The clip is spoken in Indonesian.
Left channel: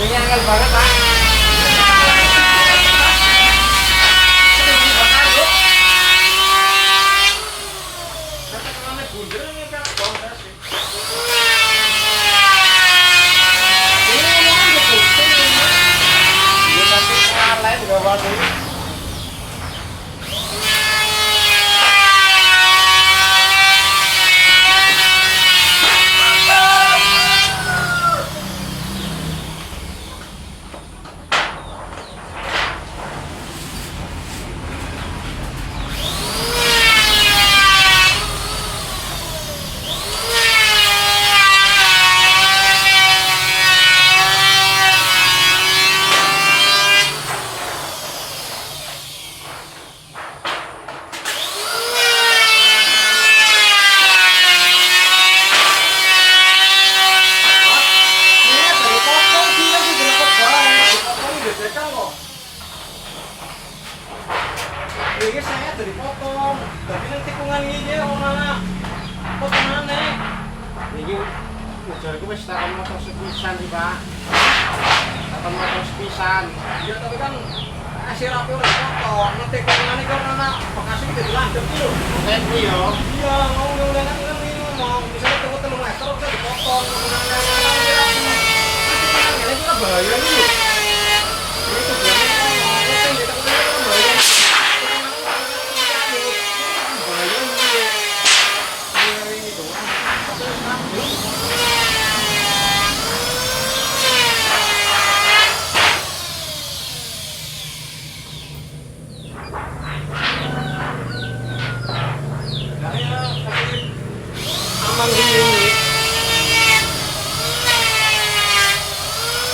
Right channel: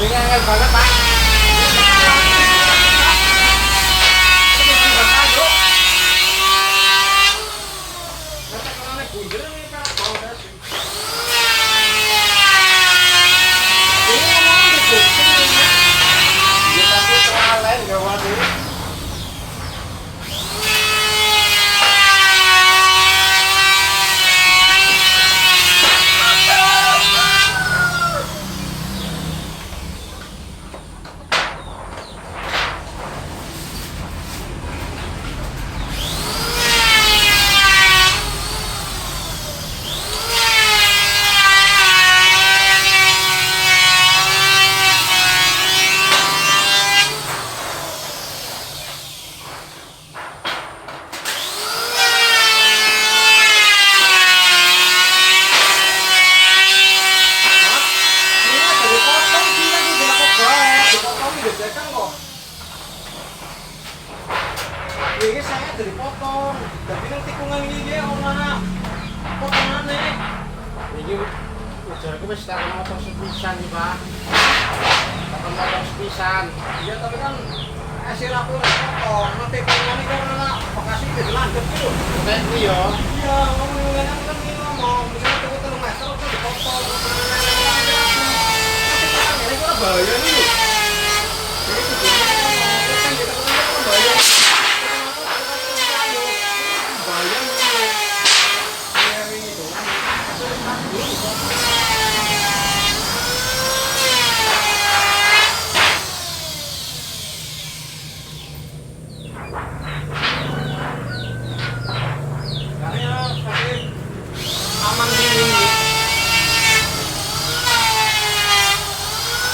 Ini angel banget, Pak. Dia pasti salah enggak waduh. Ini saya dari potong, tapi ini tikungan ini orang potongannya. Ini ujar aku wis tak motor sepisan sih Pak. Tak motor sepisan. Iya tapi kan hasil aku udah potong. Nanti tikungannya kan anak bekasnya jadi lanjut dulu. Bukan iya. Iya mau nih nanti kan ini ngomong. Ini tunggu 3 meter udah dipotong. Nanti kan ini udah bahaya nih. Ini tujuannya kan jadi bahaya.